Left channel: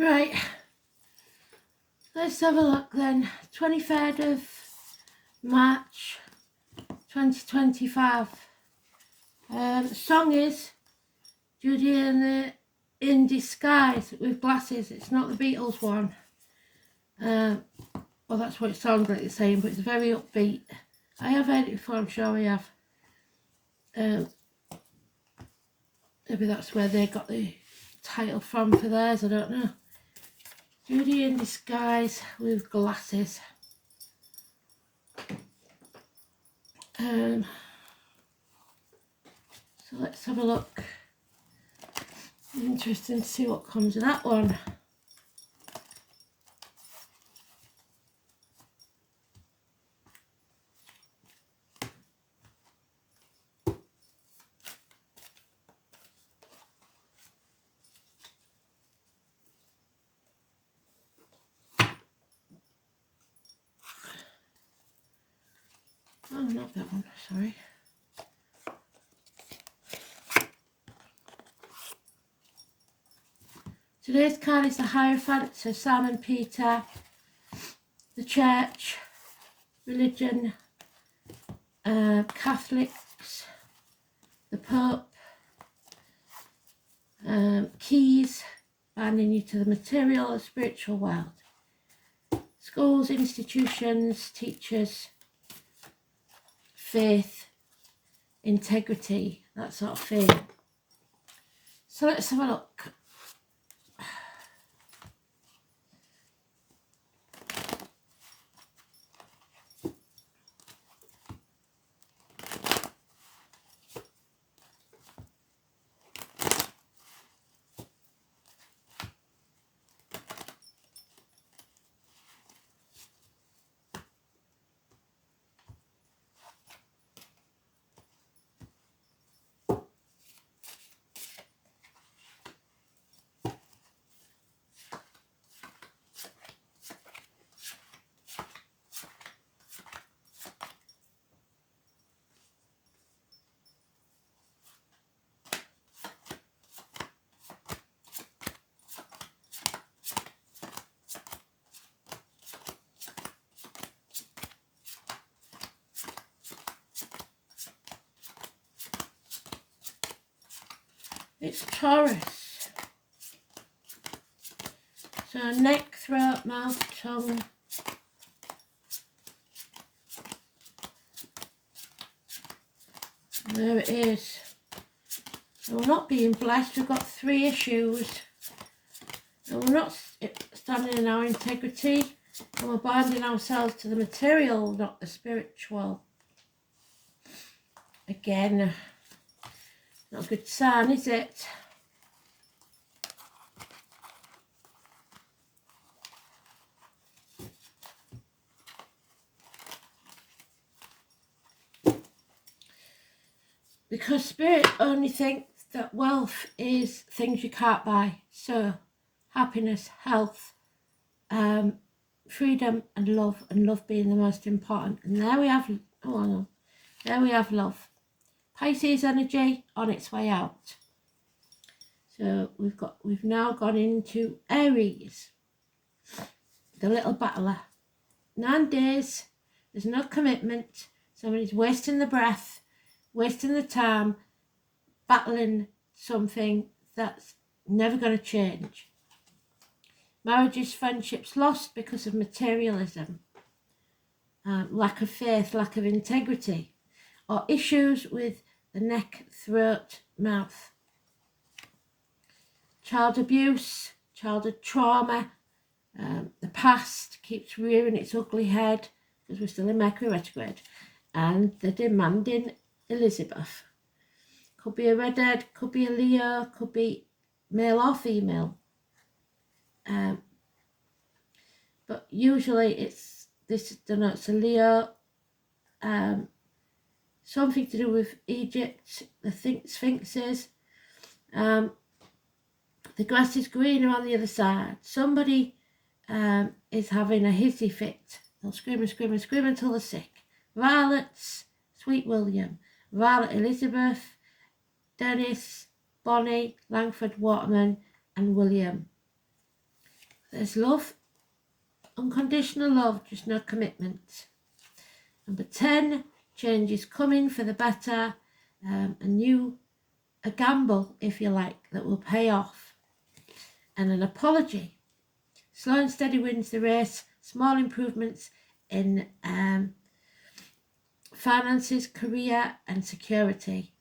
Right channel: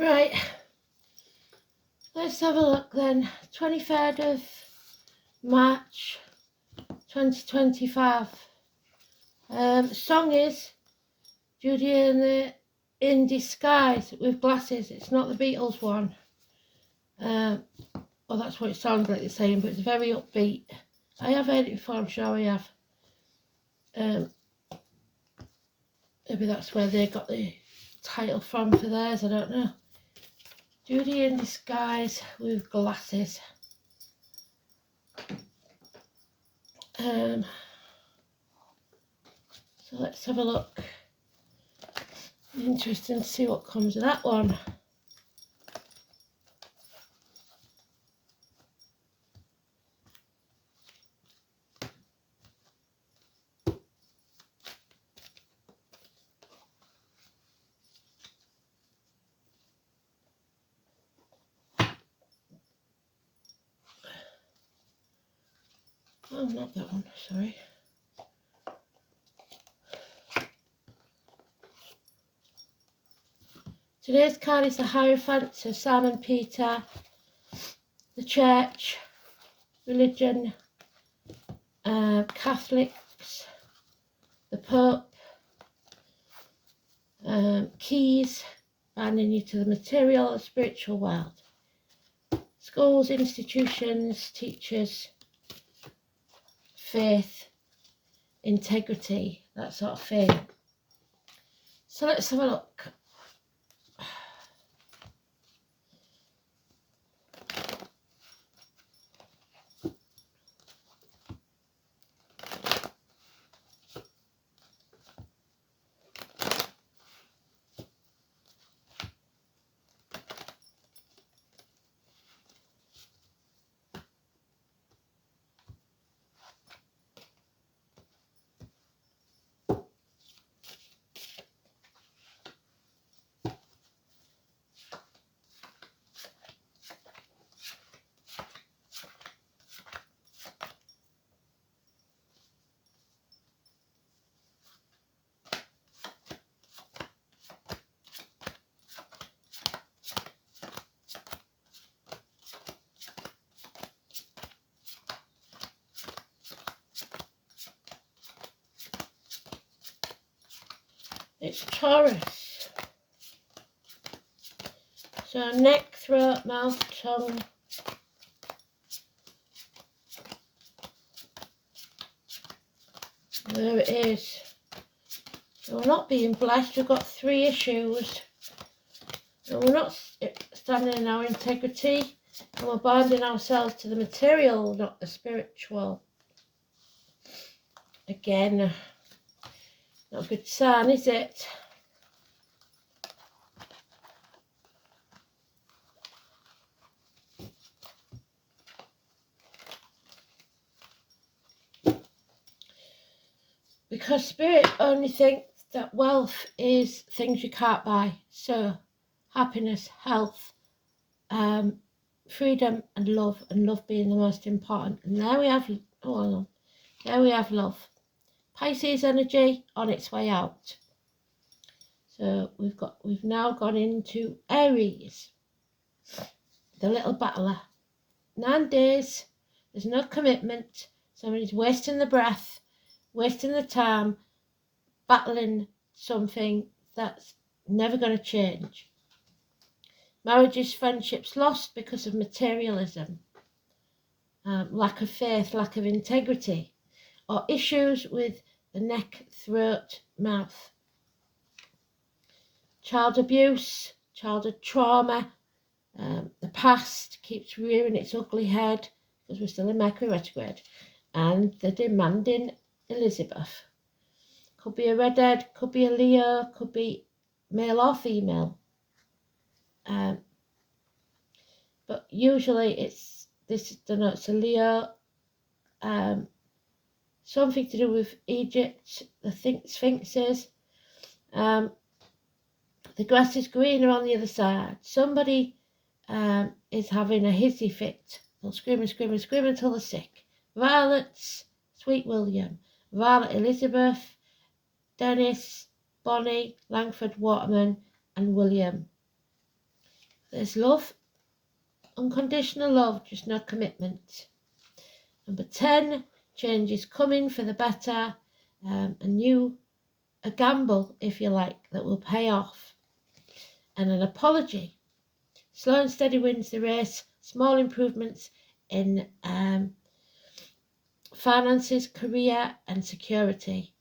Right, let's have a look then. 23rd of March 2025. The song is Judy in Disguise with Glasses. It's not the Beatles one. Well, that's what it sounds like it's saying, but it's very upbeat. I have heard it before, I'm sure I have. Maybe that's where they got the title from for theirs, I don't know. Judy in Disguise with Glasses. So let's have a look. Interesting to see what comes of that one. Oh, not that one, sorry. Today's card is the Hierophant, so Simon Peter, the Church, religion, Catholics, the Pope, keys, binding you to the material or spiritual world, schools, institutions, teachers, faith, integrity, that sort of thing. So let's have a look. It's Taurus. So neck, throat, mouth, tongue. There it is. So we're not being blessed. We've got 3 issues. And we're not standing in our integrity. And we're binding ourselves to the material, not the spiritual. Again, not a good sign, is it? Because Spirit only thinks that wealth is things you can't buy. So, happiness, health, freedom and love being the most important. And there we have, there we have love. Pisces energy on its way out. So we've now gone into Aries, the little battler. 9 days, there's no commitment. Somebody's wasting the breath, wasting the time, battling something that's never going to change. Marriages, friendships lost because of materialism, lack of faith, lack of integrity, or issues with the neck, throat, mouth. Child abuse, childhood trauma, the past keeps rearing its ugly head because we're still in Mercury retrograde, and the demanding Elizabeth. Could be a redhead, could be a Leo, could be male or female. But usually this denotes a Leo, something to do with Egypt, the sphinxes. The grass is greener on the other side. Somebody is having a hissy fit. They'll scream and scream and scream until they're sick. Violets, Sweet William. Violet Elizabeth, Dennis, Bonnie, Langford Waterman, and William. There's love, unconditional love, just no commitment. Number 10, change is coming for the better, a gamble, if you like, that will pay off. And an apology. Slow and steady wins the race. Small improvements in finances, career and security.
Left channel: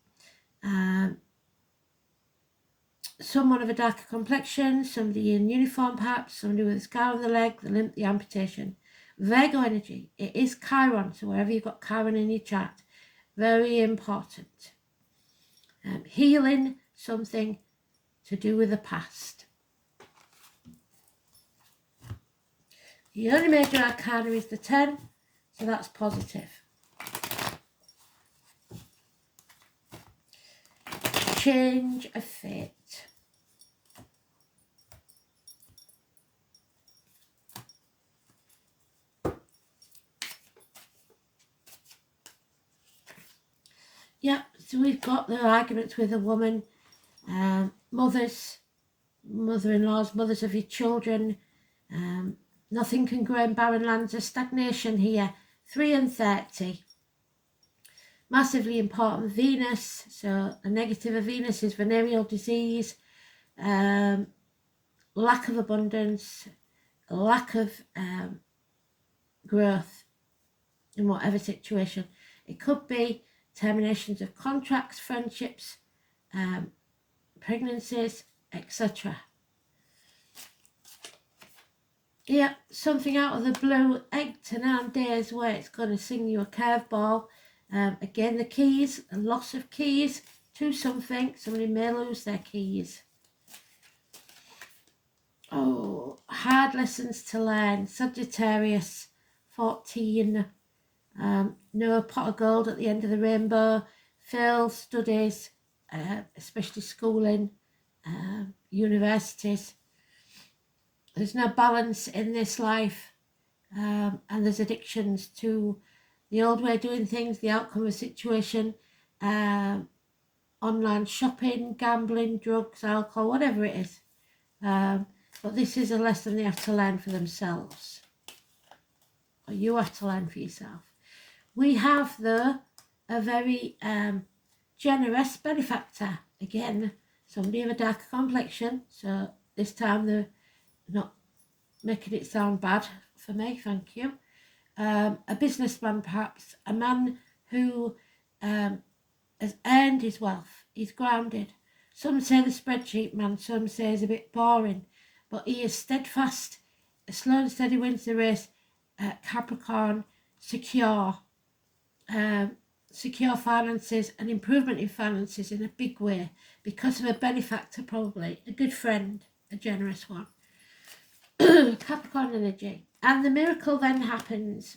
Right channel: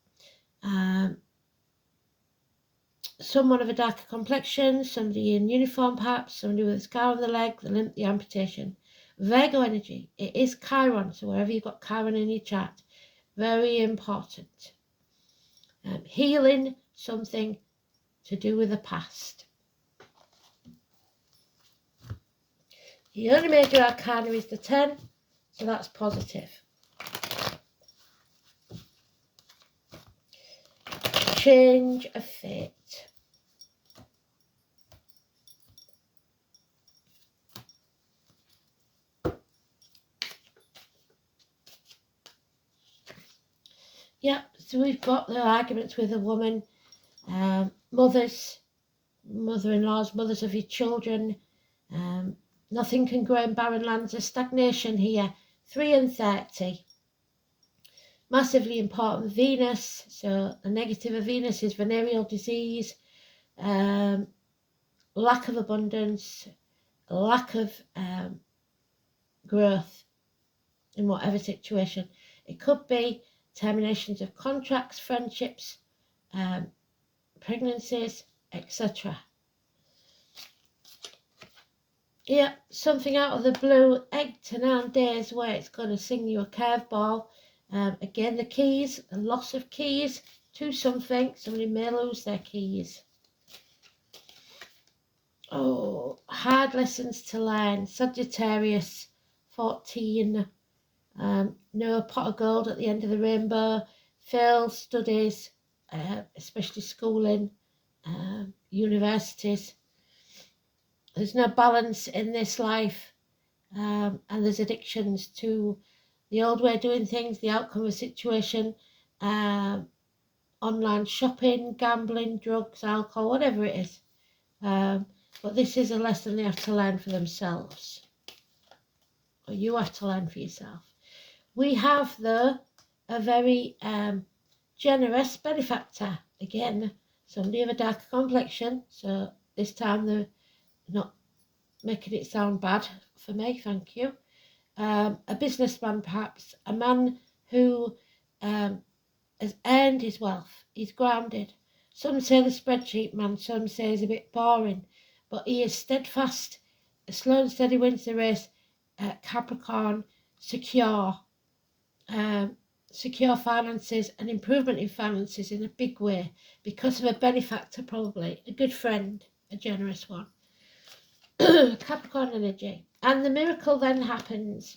Someone of a darker complexion, somebody in uniform perhaps, somebody with a scar on the leg, the limp, the amputation. Virgo energy, it is Chiron, so wherever you've got Chiron in your chart, very important. Healing something to do with the past. The only major arcana is the 10, so that's positive. Change of fate. Yeah, so we've got the arguments with a woman, mother-in-laws, mothers of your children. Nothing can grow in barren lands. There's stagnation here. 3 and 30. Massively important, Venus. So the negative of Venus is venereal disease, lack of abundance, lack of growth in whatever situation. It could be terminations of contracts, friendships, pregnancies, etc. Yeah, something out of the blue, 8 to 9 days where it's going to sing you a curveball. Again, the keys, a loss of keys to something. Somebody may lose their keys. Oh, hard lessons to learn. Sagittarius, 14. No pot of gold at the end of the rainbow. Failed studies, especially schooling, universities. There's no balance in this life, and there's addictions to the old way of doing things, the outcome of a situation, online shopping, gambling, drugs, alcohol, whatever it is. But this is a lesson they have to learn for themselves. Or you have to learn for yourself. We have, though, a very generous benefactor. Again, somebody of a darker complexion. So this time they're not making it sound bad for me, thank you. A businessman perhaps, a man who has earned his wealth. He's grounded. Some say the spreadsheet man, some say he's a bit boring, but he is steadfast, slow and steady wins the race, Capricorn, secure finances and improvement in finances in a big way because of a benefactor, probably, a good friend, a generous one. Capricorn energy. And the miracle then happens.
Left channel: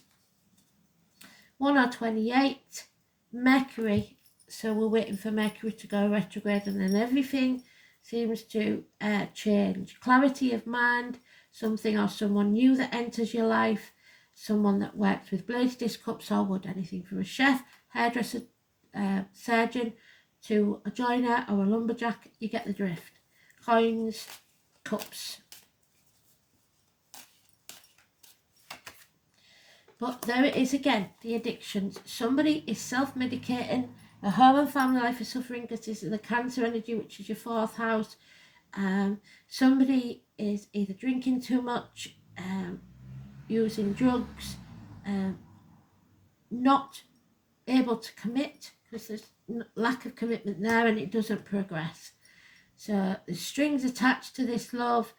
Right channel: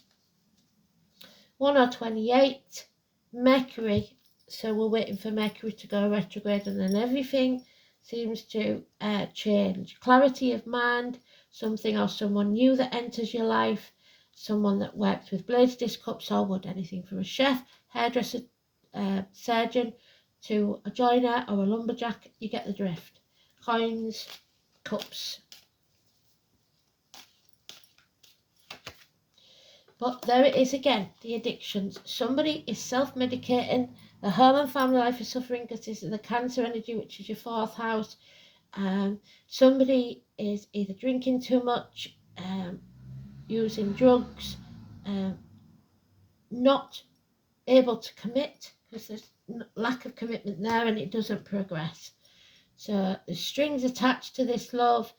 1/28, Mercury. So we're waiting for Mercury to go retrograde, and then everything seems to change. Clarity of mind, something or someone new that enters your life, someone that works with blades, disc, cups or wood, anything from a chef, hairdresser, surgeon to a joiner or a lumberjack, you get the drift. Coins, cups. But there it is again, the addictions. Somebody is self-medicating. The home and family life is suffering because this is the Cancer energy, which is your 4th house. Somebody is either drinking too much, using drugs, not able to commit because there's lack of commitment there and it doesn't progress. So the strings attached to this love.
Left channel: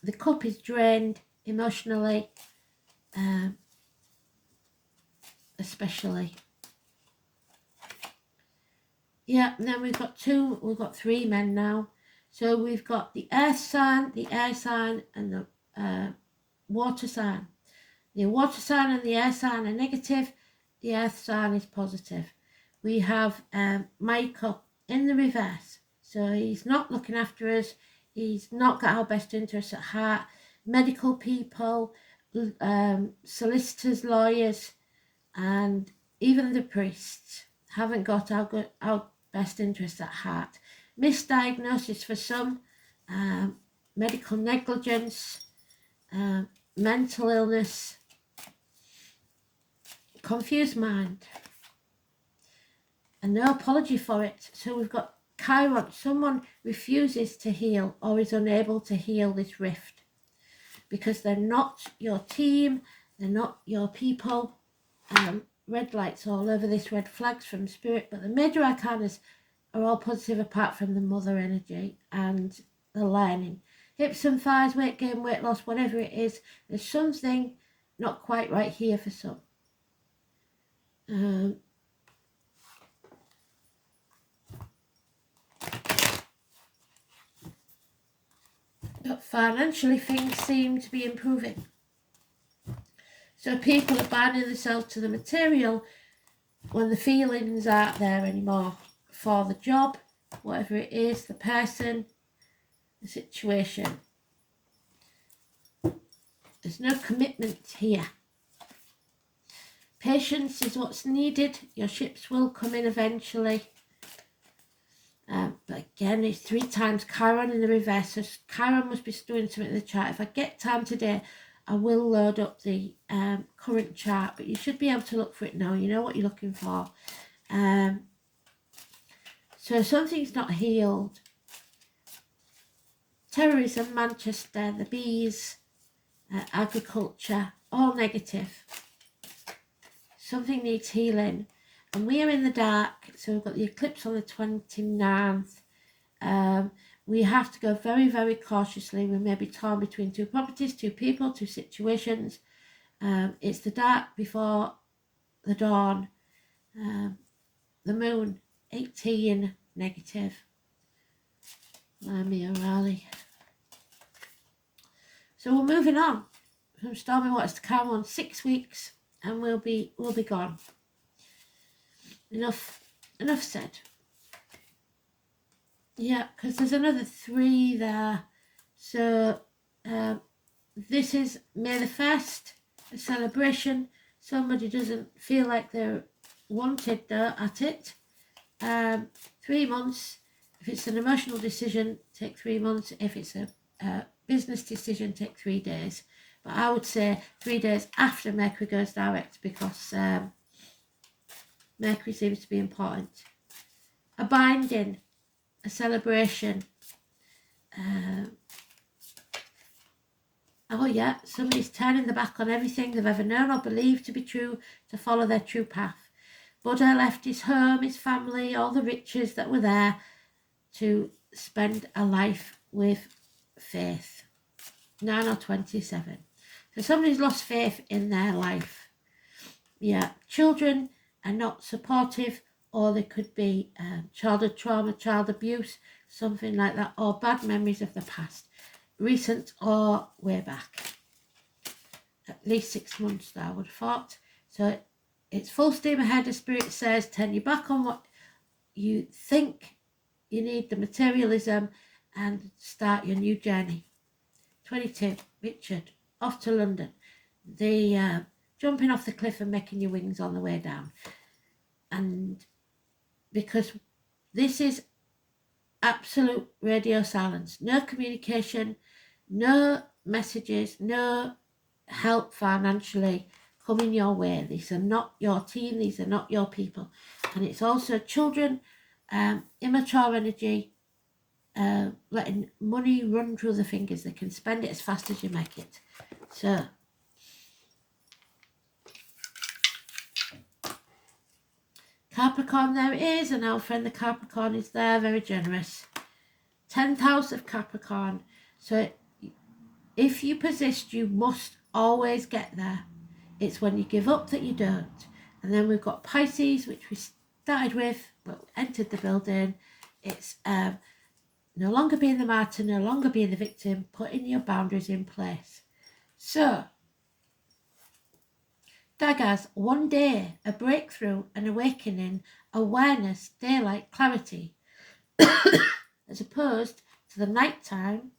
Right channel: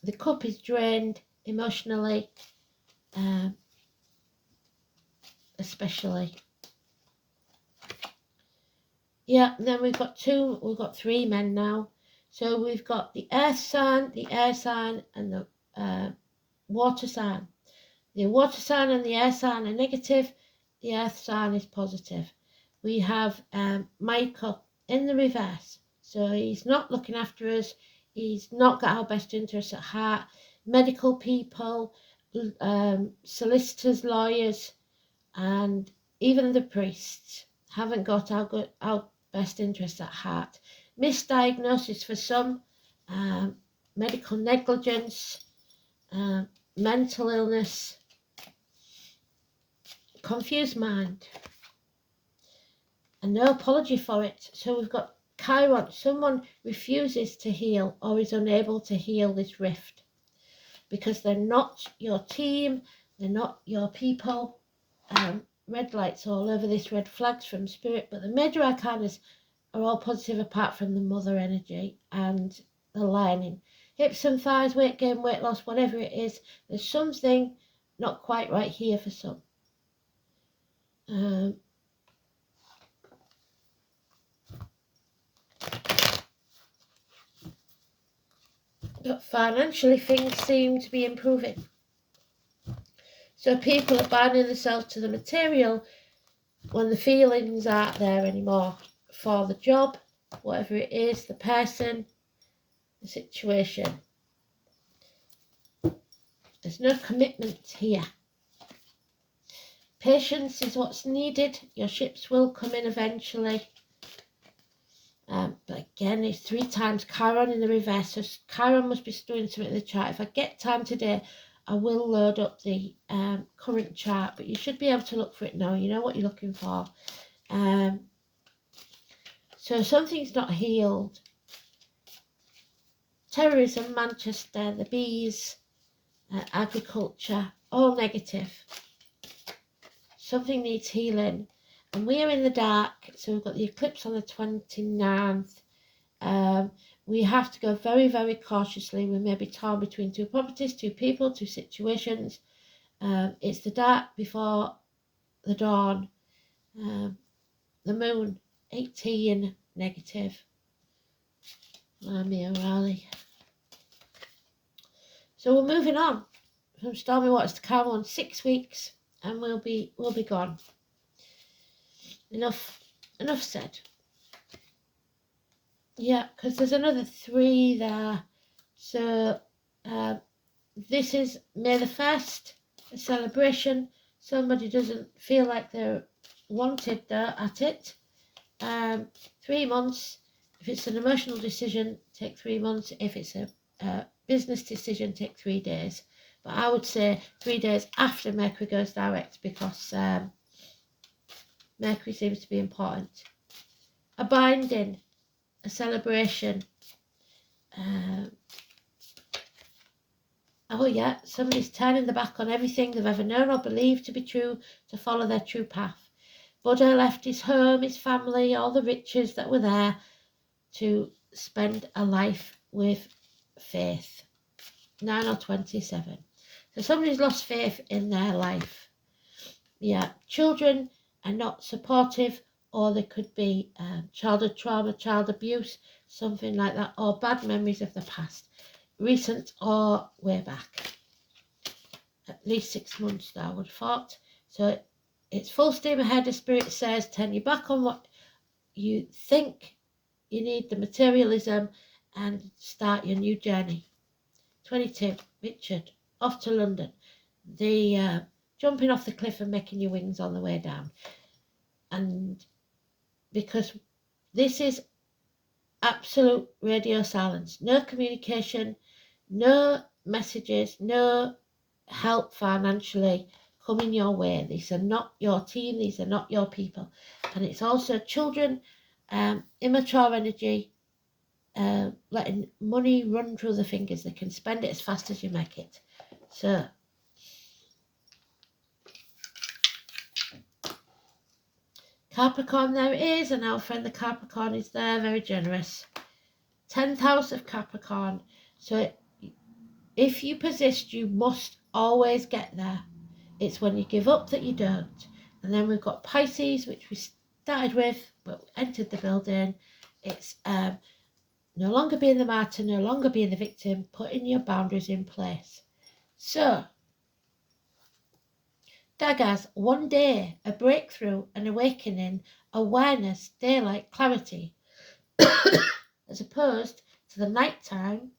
The cup is drained emotionally, especially. Yeah, and then we've got 3 men now. So we've got the earth sign, the air sign, and the water sign. The water sign and the air sign are negative. The earth sign is positive. We have Michael in the reverse. So he's not looking after us. He's not got our best interests at heart. Medical people, solicitors, lawyers, and even the priests haven't got our best interests at heart. misdiagnosis for some, medical negligence, mental illness, confused mind, and no apology for it. So we've got Chiron, someone refuses to heal or is unable to heal this rift because they're not your team, they're not your people. Red lights all over this, red flags from spirit, but the major arcanas are all positive apart from the mother energy and the lining. Hips and thighs, weight gain, weight loss, whatever it is, there's something not quite right here for some. But financially things seem to be improving. So people are binding themselves to the material when the feelings aren't there anymore for the job, whatever it is, the person, the situation. There's no commitment here. Patience is what's needed. Your ships will come in eventually. But again, it's 3 times Chiron in the reverse. So Chiron must be doing something in the chart. If I get time today, I will load up the current chart. But you should be able to look for it now. You know what you're looking for. So something's not healed. Terrorism, Manchester, the bees, agriculture, all negative. Something needs healing. And we are in the dark, so we've got the eclipse on the 29th. We have to go very, very cautiously. We may be torn between 2 properties, 2 people, 2 situations. It's the dark before the dawn. The moon, 18, negative. Lamia Raleigh. So we're moving on from stormy waters to calm on 6 weeks, and we'll be gone. Enough said. Yeah, because there's another 3 there. So this is May the 1st, a celebration. Somebody doesn't feel like they're wanted at it. 3 months. If it's an emotional decision, take 3 months. If it's a business decision, take 3 days. But I would say 3 days after Mercury goes direct, because Mercury seems to be important. A binding, a celebration. Oh yeah, somebody's turning their back on everything they've ever known or believed to be true to follow their true path. Buddha left his home, his family, all the riches that were there to spend a life with faith. 9 or 27. So somebody's lost faith in their life. Yeah, children are not supportive, or there could be childhood trauma, child abuse, something like that, or bad memories of the past, recent or way back. At least 6 months now, I would have thought. So it's full steam ahead, the spirit says. Turn your back on what you think you need, the materialism, and start your new journey. 22, Richard, off to London. The jumping off the cliff and making your wings on the way down. And because this is absolute radio silence, no communication, no messages, no help financially coming your way. These are not your team, these are not your people. And it's also children, immature energy, letting money run through the fingers. They can spend it as fast as you make it. So Capricorn, there it is, and our friend the Capricorn is there, very generous. 10th house of Capricorn. So if you persist, you must always get there. It's when you give up that you don't. And then we've got Pisces, which we started with, but entered the building. It's no longer being the martyr, no longer being the victim, putting your boundaries in place. So, Daggers, one day, a breakthrough, an awakening, awareness, daylight, clarity, as opposed to the nighttime,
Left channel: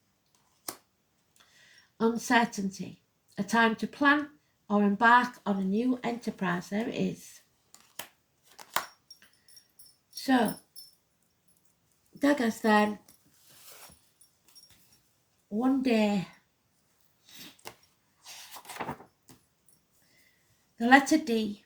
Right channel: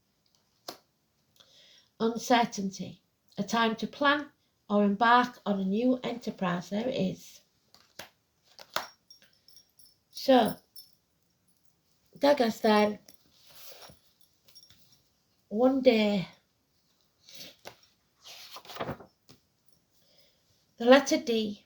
uncertainty, a time to plan or embark on a new enterprise. There it is. So, Daggers then, one day, the letter D.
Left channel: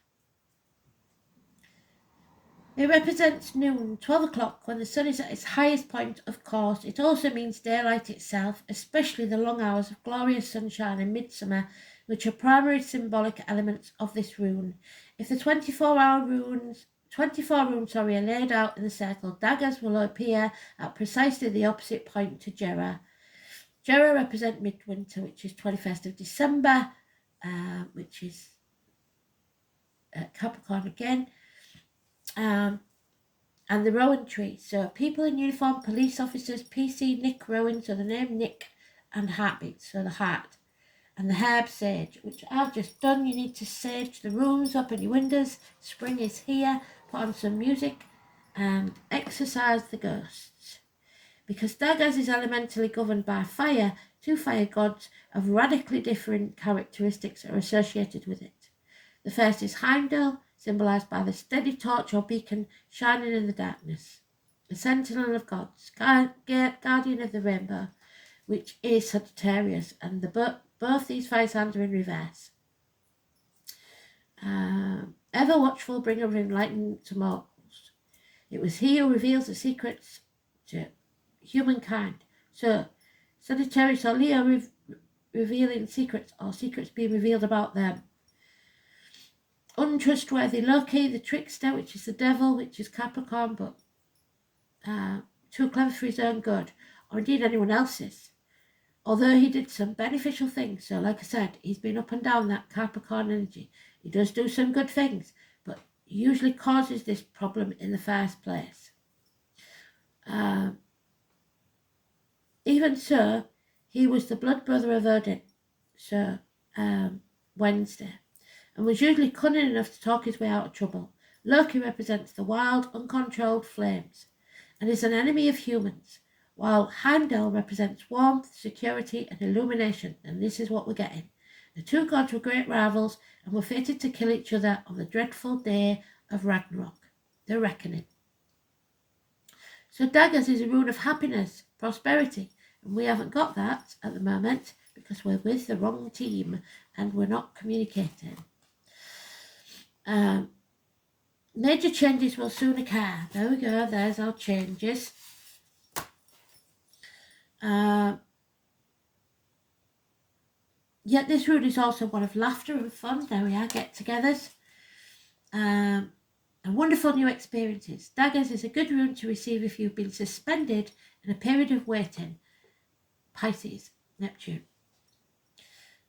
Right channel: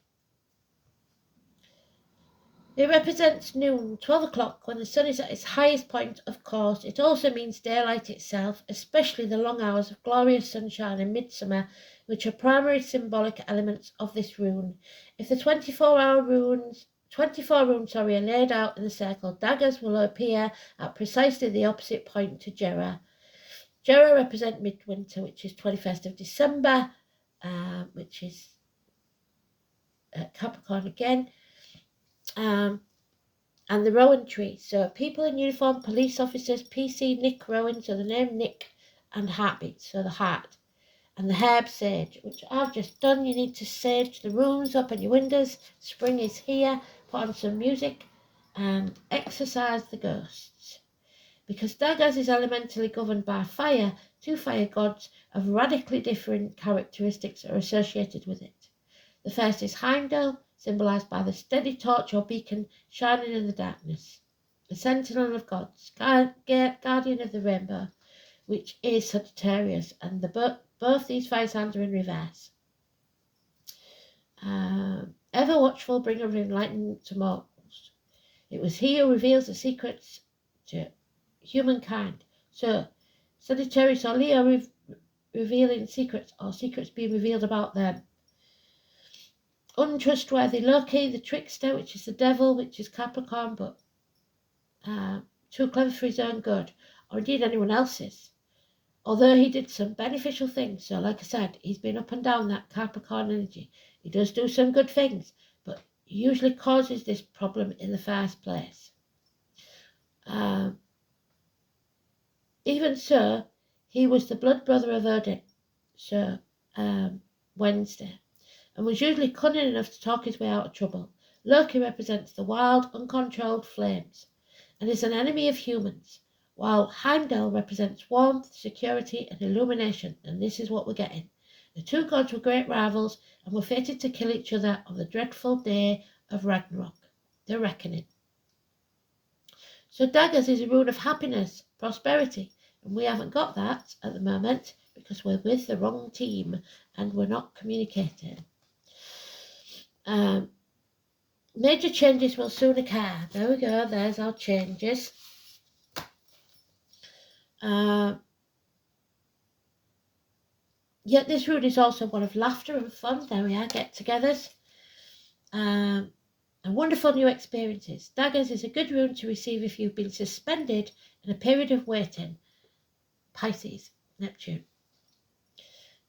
It represents noon, 12 o'clock, when the sun is at its highest point, of course. It also means daylight itself, especially the long hours of glorious sunshine in midsummer, which are primary symbolic elements of this rune. If the 24 runes are laid out in the circle, daggers will appear at precisely the opposite point to Jera. Jera represent midwinter, which is 21st of December, which is Capricorn again. And the Rowan tree. So people in uniform, police officers, PC, Nick Rowan, so the name Nick, and heartbeat, so the heart. And the herb sage, which I've just done. You need to sage the rooms, open your windows. Spring is here. Put on some music and exorcise the ghosts. Because Daggers is elementally governed by fire, two fire gods of radically different characteristics are associated with it. The first is Heimdall, symbolised by the steady torch or beacon shining in the darkness. The sentinel of gods, guardian of the rainbow, which is Sagittarius, and both these fire signs are in reverse. Ever watchful, bringer of enlightenment to mortals. It was he who reveals the secrets to humankind. So, Sagittarius or Leo revealing secrets, or secrets being revealed about them. Untrustworthy Loki, the trickster, which is the devil, which is Capricorn, but too clever for his own good, or indeed anyone else's. Although he did some beneficial things, so like I said, he's been up and down that Capricorn energy. He does do some good things, but usually causes this problem in the first place. Even so, he was the blood brother of Odin, so Wednesday, and was usually cunning enough to talk his way out of trouble. Loki represents the wild, uncontrolled flames, and is an enemy of humans, while Heimdall represents warmth, security, and illumination, and this is what we're getting. The two gods were great rivals, and were fated to kill each other on the dreadful day of Ragnarok, the reckoning. So daggers is a rune of happiness, prosperity, and we haven't got that at the moment because we're with the wrong team and we're not communicating. Major changes will soon occur. There we go, there's our changes. Yet this rune is also one of laughter and fun. There we are, get-togethers. And wonderful new experiences. Daggers is a good rune to receive if you've been suspended in a period of waiting. Pisces, Neptune.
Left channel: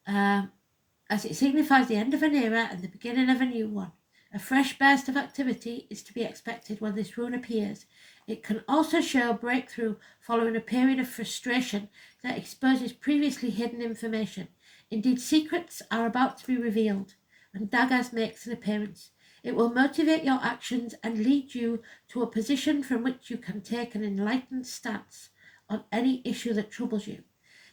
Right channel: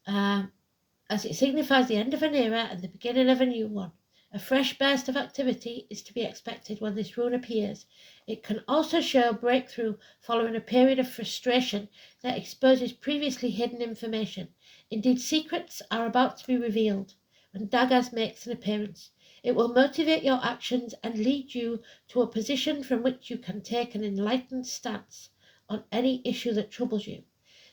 As it signifies the end of an era and the beginning of a new one. A fresh burst of activity is to be expected when this rune appears. It can also show a breakthrough following a period of frustration that exposes previously hidden information. Indeed, secrets are about to be revealed when Daggers makes an appearance. It will motivate your actions and lead you to a position from which you can take an enlightened stance on any issue that troubles you.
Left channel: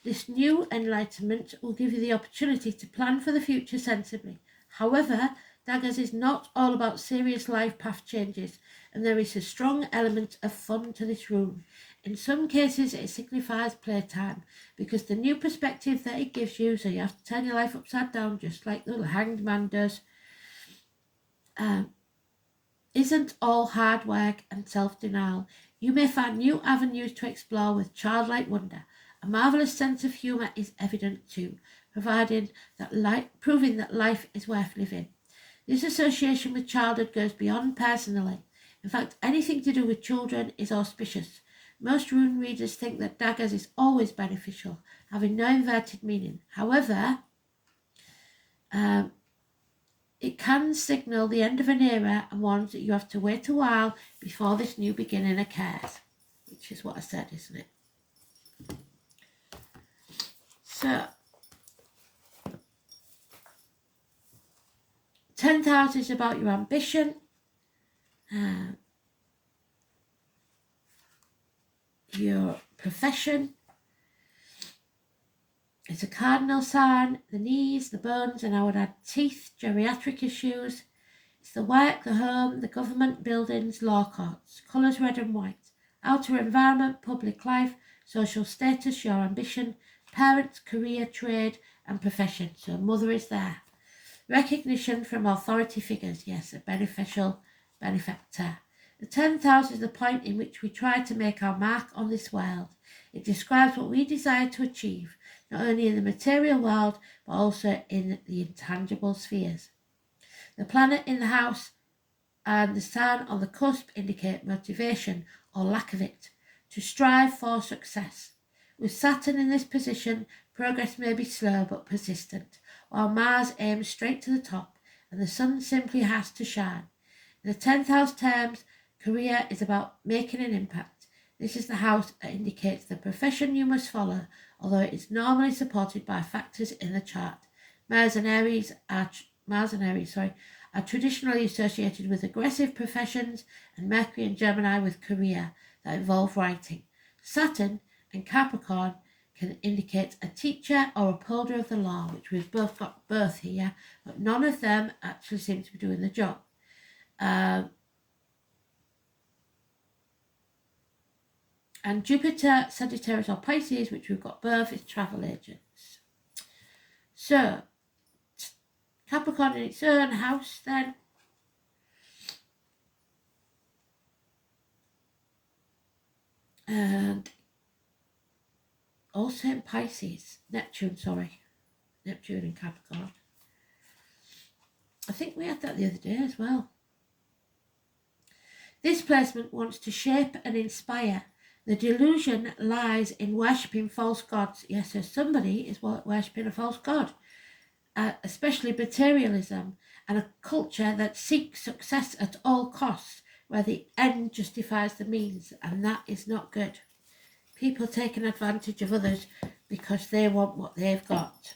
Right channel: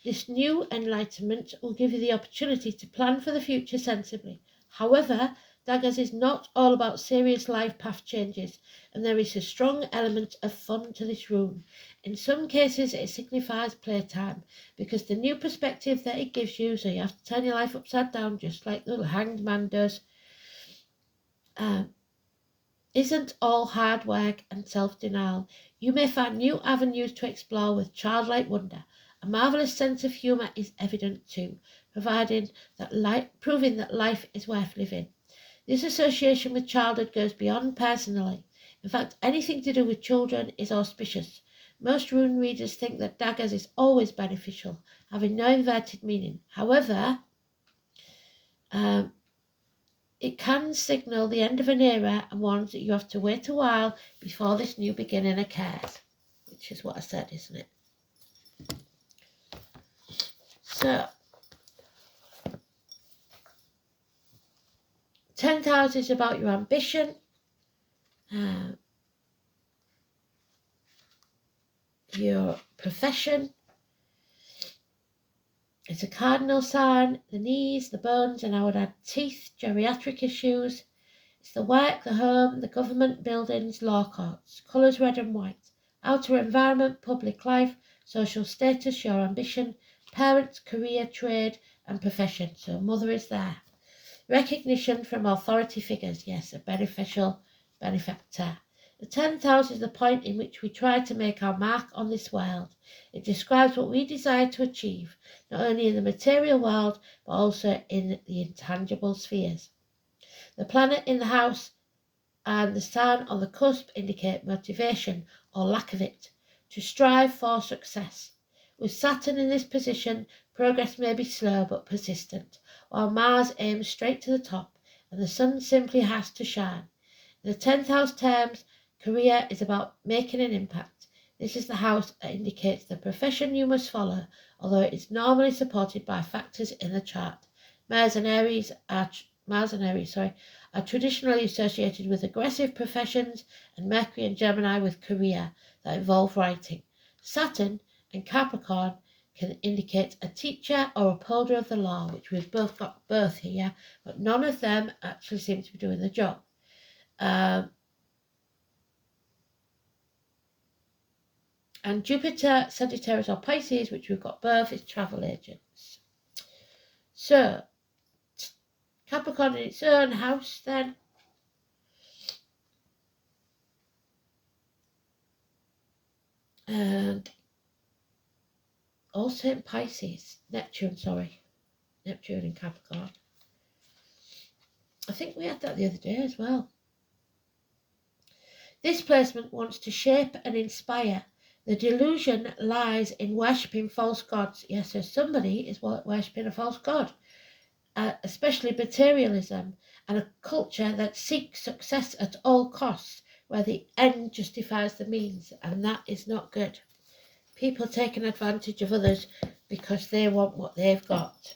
This new enlightenment will give you the opportunity to plan for the future sensibly. However, Daggers is not all about serious life path changes, and there is a strong element of fun to this rune. In some cases, it signifies playtime, because the new perspective that it gives you, so you have to turn your life upside down, just like the Hanged Man does, isn't all hard work and self-denial. You may find new avenues to explore with childlike wonder. A marvellous sense of humour is evident too, proving that life is worth living. This association with childhood goes beyond personally. In fact, anything to do with children is auspicious. Most rune readers think that daggers is always beneficial, having no inverted meaning. However, it can signal the end of an era and warns that you have to wait a while before this new beginning occurs, which is what I said, isn't it? So, 10th house is about your ambition, your profession. It's a cardinal sign, the knees, the bones, and I would add teeth, geriatric issues. It's the work, the home, the government buildings, law courts, colours red and white. outer environment, public life, social status, your ambition, parents, career, trade, and profession. So mother is there. Recognition from authority figures, yes, a beneficial benefactor. The 10th house is the point in which we try to make our mark on this world. It describes what we desire to achieve, not only in the material world, but also in the intangible spheres. The planet in the house and the sign on the cusp indicate motivation or lack of it, to strive for success. With Saturn in this position, progress may be slow but persistent, while Mars aims straight to the top and the Sun simply has to shine. In the 10th house terms, career is about making an impact. This is the house that indicates the profession you must follow, although it is normally supported by factors in the chart. Mars and Aries are traditionally associated with aggressive professions, and Mercury and Gemini with career that involve writing. Saturn and Capricorn can indicate a teacher or upholder of the law, which we've both got both here, but none of them actually seem to be doing the job. And Jupiter, Sagittarius or Pisces, which we've got both, is travel agents. So, Capricorn in its own house then. And also in Pisces, Neptune and Capricorn. I think we had that the other day as well. This placement wants to shape and inspire. The delusion lies in worshipping false gods. Yes, so somebody is worshipping a false god, especially materialism and a culture that seeks success at all costs, where the end justifies the means, and that is not good. People taking advantage of others because they want what they've got.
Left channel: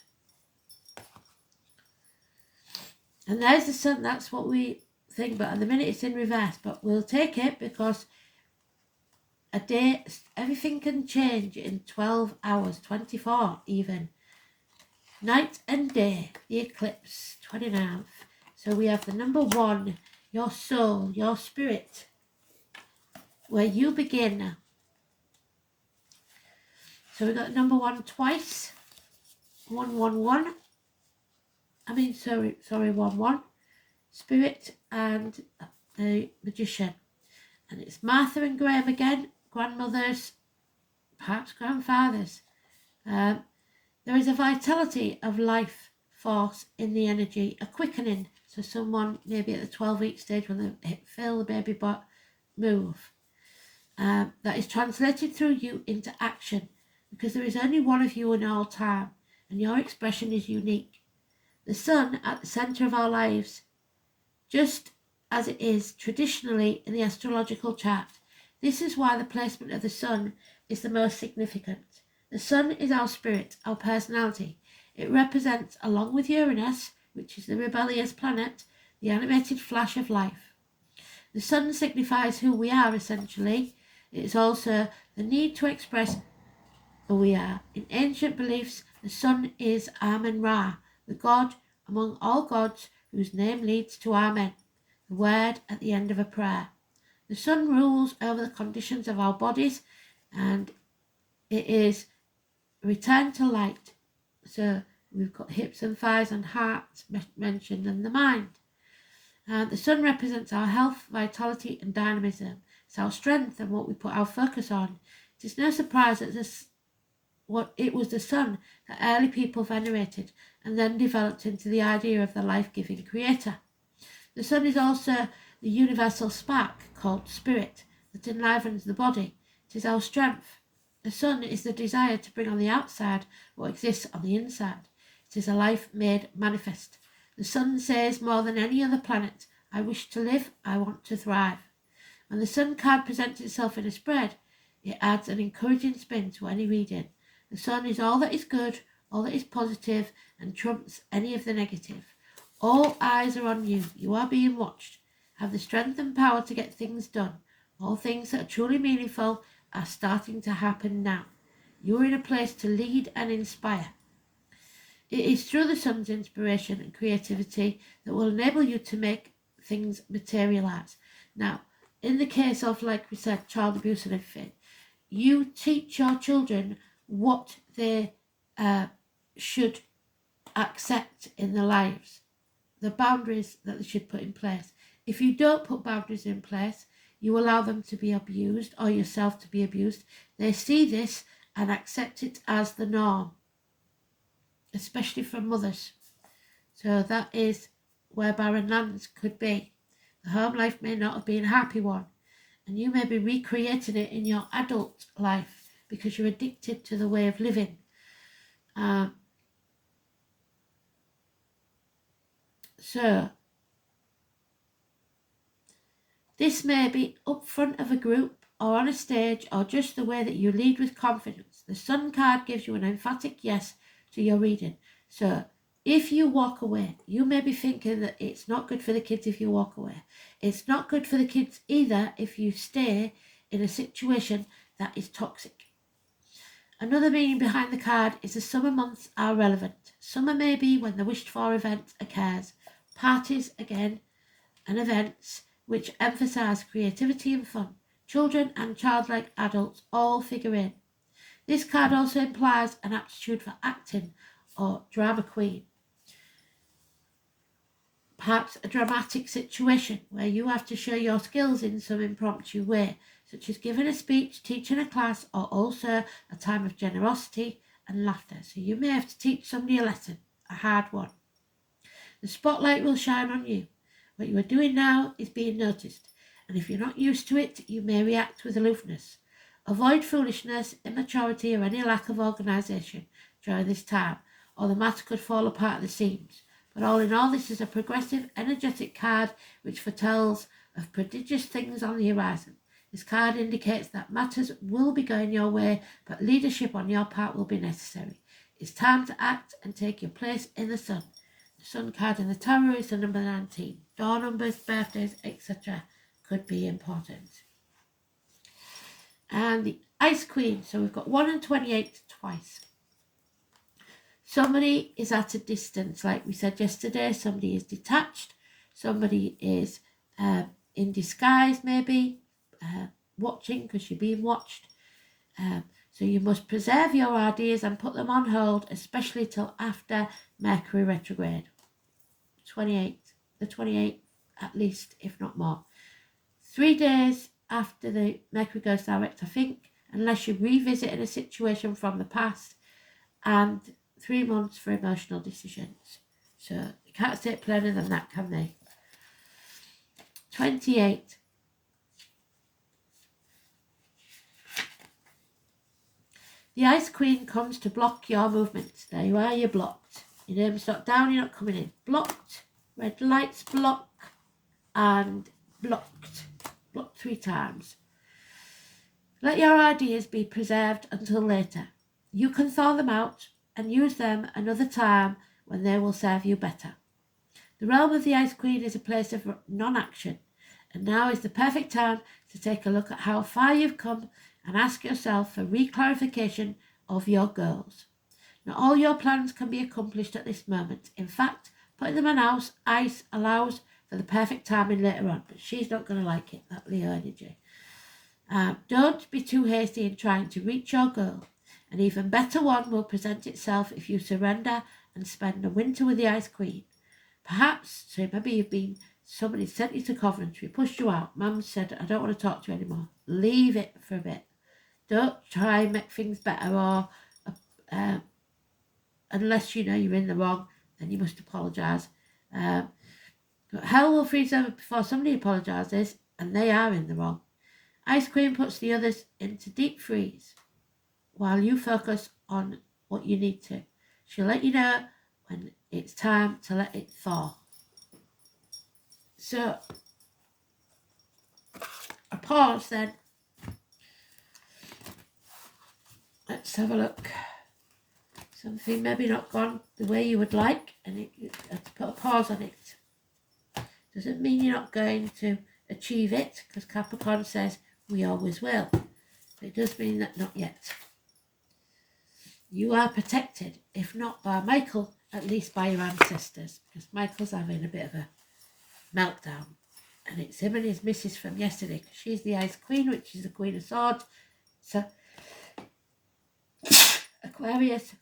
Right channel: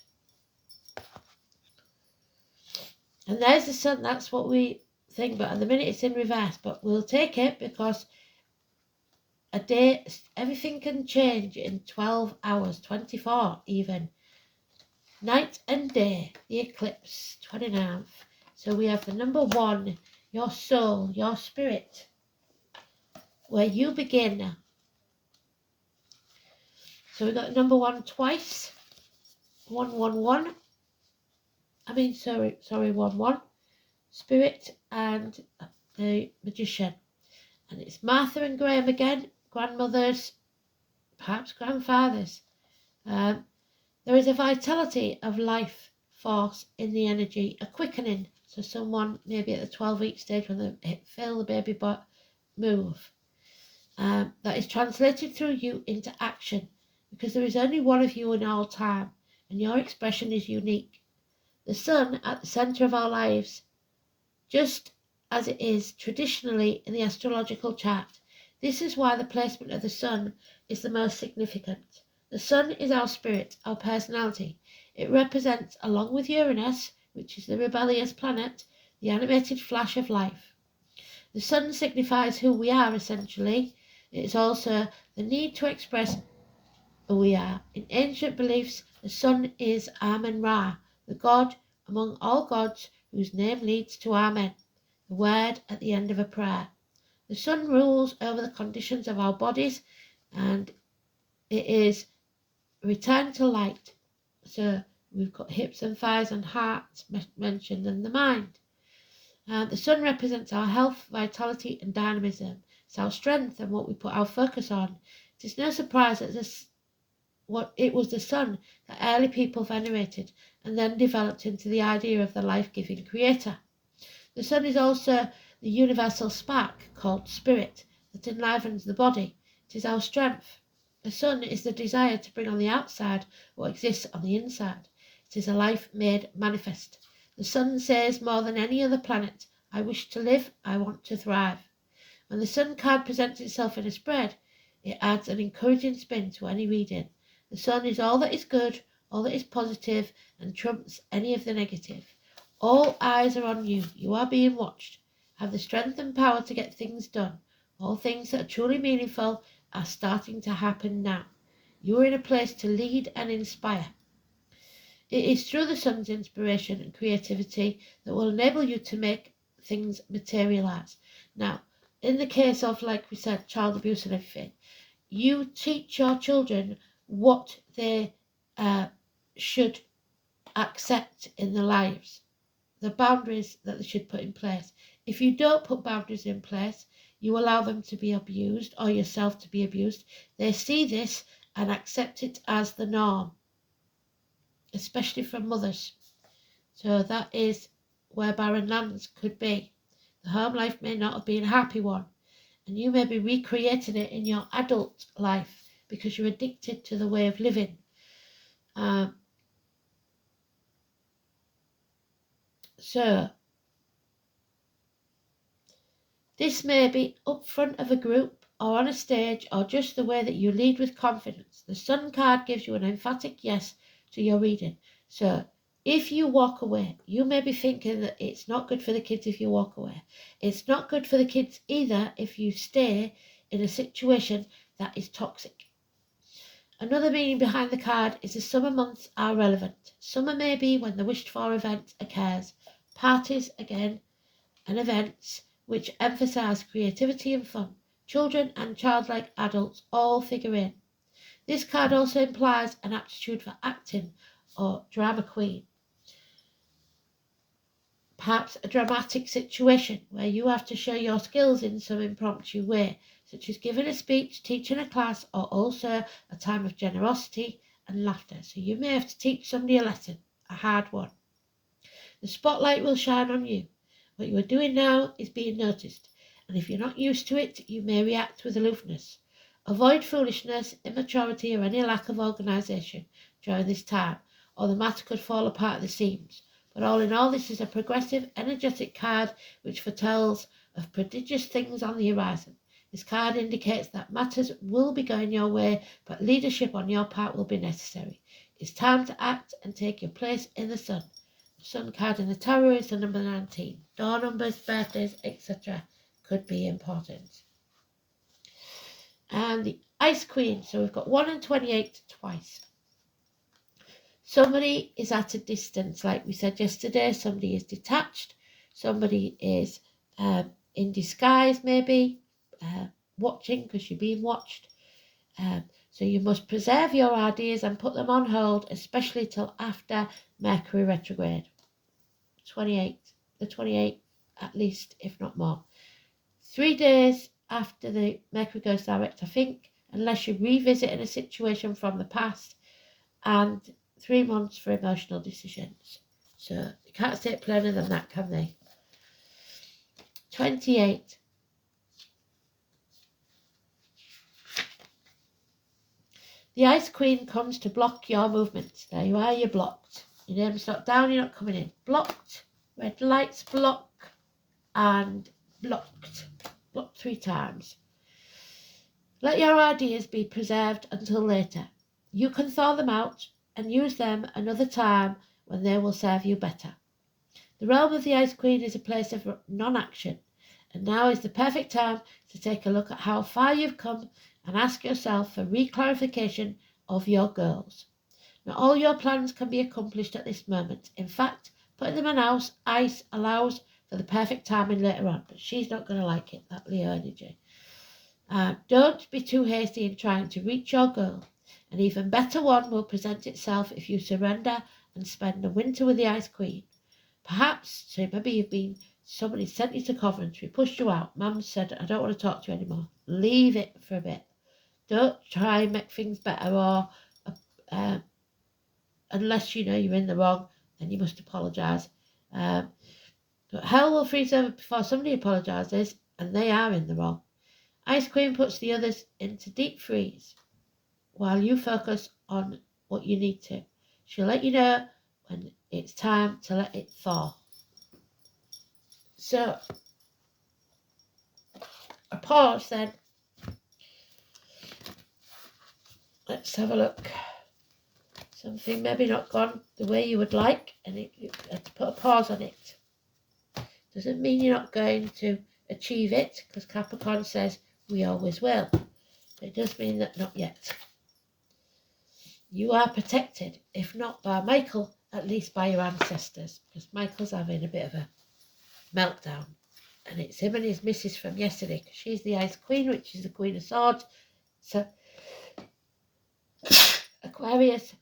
And there's the Sun, that's what we think about. At the minute it's in reverse, but we'll take it because a day, everything can change in 12 hours, 24 even. Night and day, the eclipse, 29th. So we have the number 1, your soul, your spirit, where you begin. So we got number 1 twice, 111. 1-1. Spirit and the Magician. And it's Martha and Graham again, grandmothers, perhaps grandfathers. There is a vitality of life force in the energy, a quickening. So someone maybe at the 12-week stage when they feel the baby move, that is translated through you into action, because there is only one of you in all time, and your expression is unique. The Sun at the centre of our lives, just as it is traditionally in the astrological chart. This is why the placement of the Sun is the most significant. The Sun is our spirit, our personality. It represents, along with Uranus, which is the rebellious planet, the animated flash of life. The Sun signifies who we are, essentially. It is also the need to express who we are. In ancient beliefs, the Sun is Amen-Ra, the god among all gods whose name leads to Amen, the word at the end of a prayer. The Sun rules over the conditions of our bodies, and it is return to light. So we've got hips and thighs and hearts mentioned, and the mind. The Sun represents our health, vitality and dynamism. It's our strength and what we put our focus on. It is no surprise that it was the Sun that early people venerated and then developed into the idea of the life-giving creator. The Sun is also the universal spark called spirit that enlivens the body. It is our strength. The Sun is the desire to bring on the outside what exists on the inside. It is a life made manifest. The Sun says more than any other planet, I wish to live, I want to thrive. When the Sun card presents itself in a spread, it adds an encouraging spin to any reading. The Sun is all that is good, all that is positive, and trumps any of the negative. All eyes are on you. You are being watched. Have the strength and power to get things done. All things that are truly meaningful are starting to happen now. You are in a place to lead and inspire. It is through the Sun's inspiration and creativity that will enable you to make things materialize. Now, in the case of, like we said, child abuse and everything, you teach your children what they should accept in their lives, the boundaries that they should put in place. If you don't put boundaries in place, you allow them to be abused or yourself to be abused. They see this and accept it as the norm, especially from mothers. So that is where barren lands could be. The home life may not have been a happy one, and you may be recreating it in your adult life because you're addicted to the way of living. So this may be up front of a group or on a stage or just the way that you lead with confidence. The Sun card gives you an emphatic yes to your reading. So if you walk away, you may be thinking that it's not good for the kids if you walk away. It's not good for the kids either if you stay in a situation that is toxic. Another meaning behind the card is the summer months are relevant. Summer may be when the wished for event occurs. Parties, again, and events which emphasise creativity and fun. Children and childlike adults all figure in. This card also implies an aptitude for acting or drama queen. Perhaps a dramatic situation where you have to show your skills in some impromptu way, such as giving a speech, teaching a class, or also a time of generosity and laughter. So you may have to teach somebody a lesson, a hard one. The spotlight will shine on you. What you are doing now is being noticed, and if you're not used to it, you may react with aloofness. Avoid foolishness, immaturity, or any lack of organisation during this time, or the matter could fall apart at the seams. But all in all, this is a progressive, energetic card which foretells of prodigious things on the horizon. This card indicates that matters will be going your way, but leadership on your part will be necessary. It's time to act and take your place in the sun. The Sun card in the tarot is the number 19. Door numbers, birthdays, etc. could be important. And the Ice Queen. So we've got 1 and 28 twice. Somebody is at a distance, like we said yesterday. Somebody is detached. Somebody is in disguise, maybe, watching because you're being watched. So you must preserve your ideas and put them on hold, especially till after Mercury retrograde. The 28th at least, if not more. 3 days after the Mercury goes direct, I think, unless you're revisiting a situation from the past, and 3 months for emotional decisions. So you can't say it plainer than that, can they? 28. The Ice Queen comes to block your movements. There you are, you're blocked. Your name's not down, you're not coming in. Blocked, red lights, block, and blocked. Blocked 3 times. Let your ideas be preserved until later. You can thaw them out and use them another time when they will serve you better. The realm of the Ice Queen is a place of non-action, and now is the perfect time to take a look at how far you've come and ask yourself for re-clarification of your goals. Not all your plans can be accomplished at this moment. In fact, putting them on ice allows for the perfect timing later on, but she's not going to like it, that Leo energy. Don't be too hasty in trying to reach your goal. An even better one will present itself if you surrender and spend the winter with the Ice Queen. Perhaps, so maybe somebody sent you to Coventry, pushed you out, Mum said, I don't want to talk to you anymore. Leave it for a bit. Don't try and make things better, or unless you know you're in the wrong, then you must apologise. But hell will freeze over before somebody apologises, and they are in the wrong. Ice Queen puts the others into deep freeze while you focus on what you need to. She'll let you know when it's time to let it thaw. So, a pause then. Let's have a look. Something maybe not gone the way you would like, and let's put a pause on it. Doesn't mean you're not going to achieve it, because Capricorn says we always will. But it does mean that not yet. You are protected, if not by Michael, at least by your ancestors, because Michael's having a bit of a meltdown. And it's him and his missus from yesterday, because she's the Ice Queen, which is the Queen of Swords. So, Aquarius.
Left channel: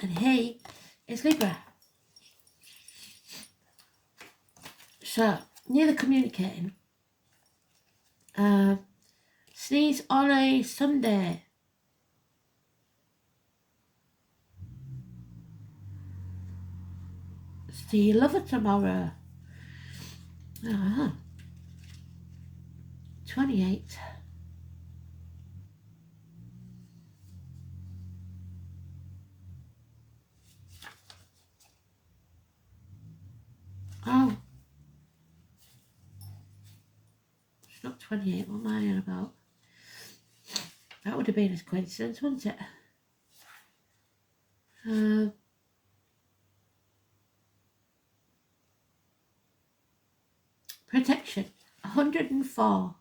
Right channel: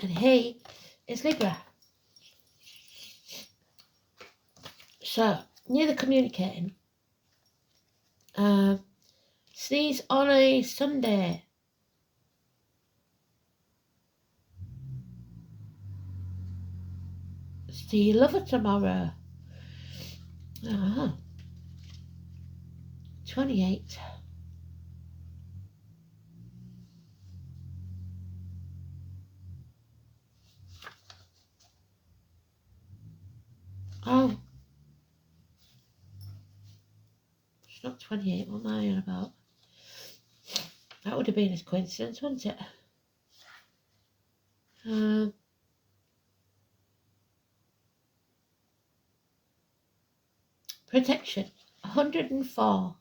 And he is Libra. So, neither communicating. Sneeze on a Sunday. See you lover tomorrow. 28. Oh. It's not 28. What am I on about? That would have been a coincidence, wouldn't it? Protection. 104.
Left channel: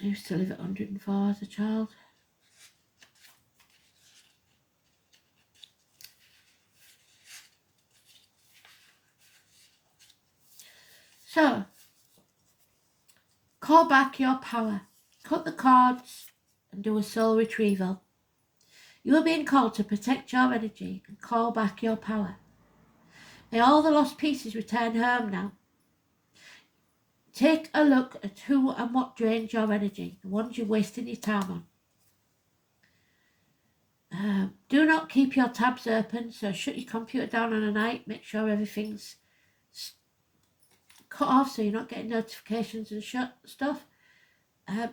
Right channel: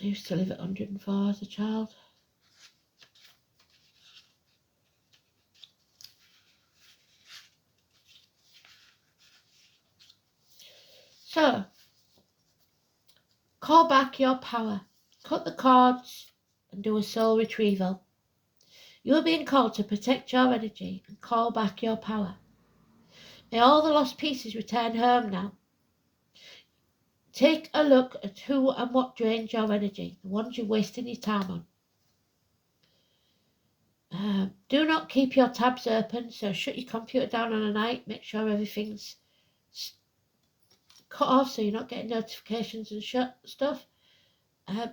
I used to live at 104 as a child. So, call back your power. Cut the cords and do a soul retrieval. You are being called to protect your energy and call back your power. May all the lost pieces return home now. Take a look at who and what drains your energy, the ones you're wasting your time on. Do not keep your tabs open, so shut your computer down on a night. Make sure everything's cut off so you're not getting notifications and stuff.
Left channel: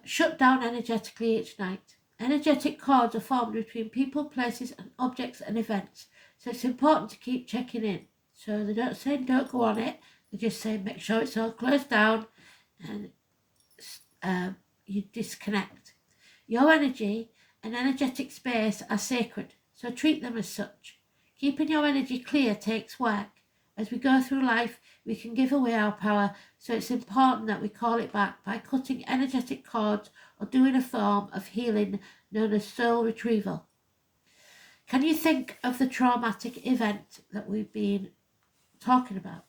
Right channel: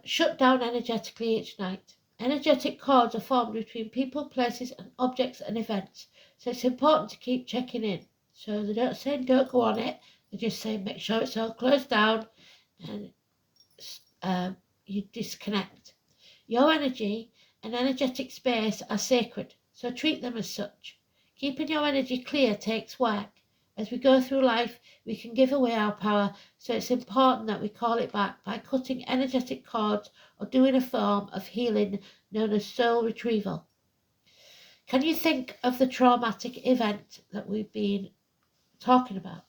Shut down energetically each night. Energetic cords are formed between people, places and objects and events, so it's important to keep checking in. So they don't say don't go on it, they just say make sure it's all closed down and you disconnect. Your energy and energetic space are sacred, so treat them as such. Keeping your energy clear takes work. As we go through life, we can give away our power, so it's important that we call it back by cutting energetic cords or doing a form of healing known as soul retrieval. Can you think of the traumatic event that we've been talking about,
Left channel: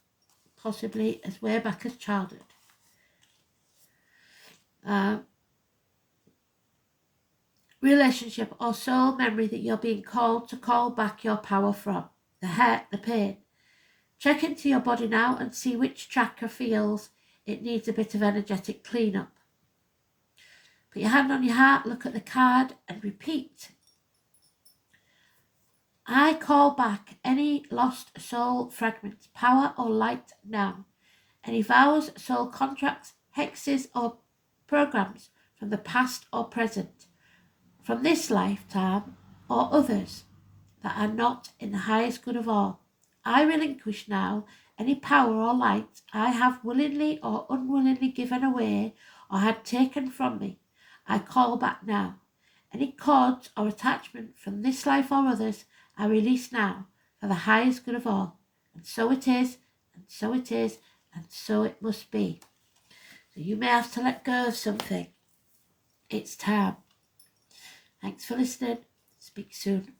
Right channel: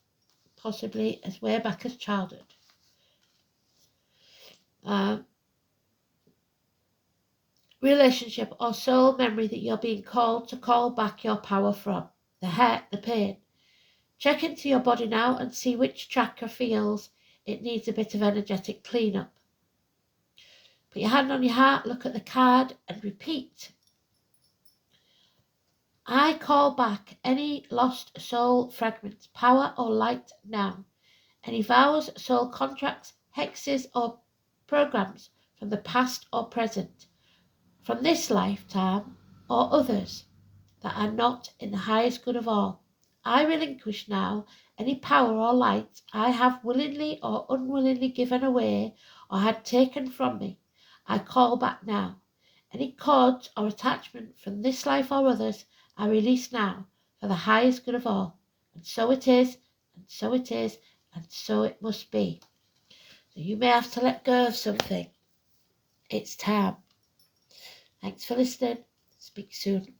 possibly as way back as childhood? Relationship or soul memory that you're being called to call back your power from, the hurt, the pain. Check into your body now and see which chakra feels it needs a bit of energetic cleanup. Put your hand on your heart, look at the card and repeat. I call back any lost soul fragments, power or light now. Any vows, soul contracts, hexes or programs from the past or present, from this lifetime or others that are not in the highest good of all. I relinquish now any power or light I have willingly or unwillingly given away or had taken from me. I call back now. Any cords or attachment from this life or others I release now for the highest good of all. And so it is, and so it is, and so it must be. So you may have to let go of something. It's time. Thanks for listening. Speak soon.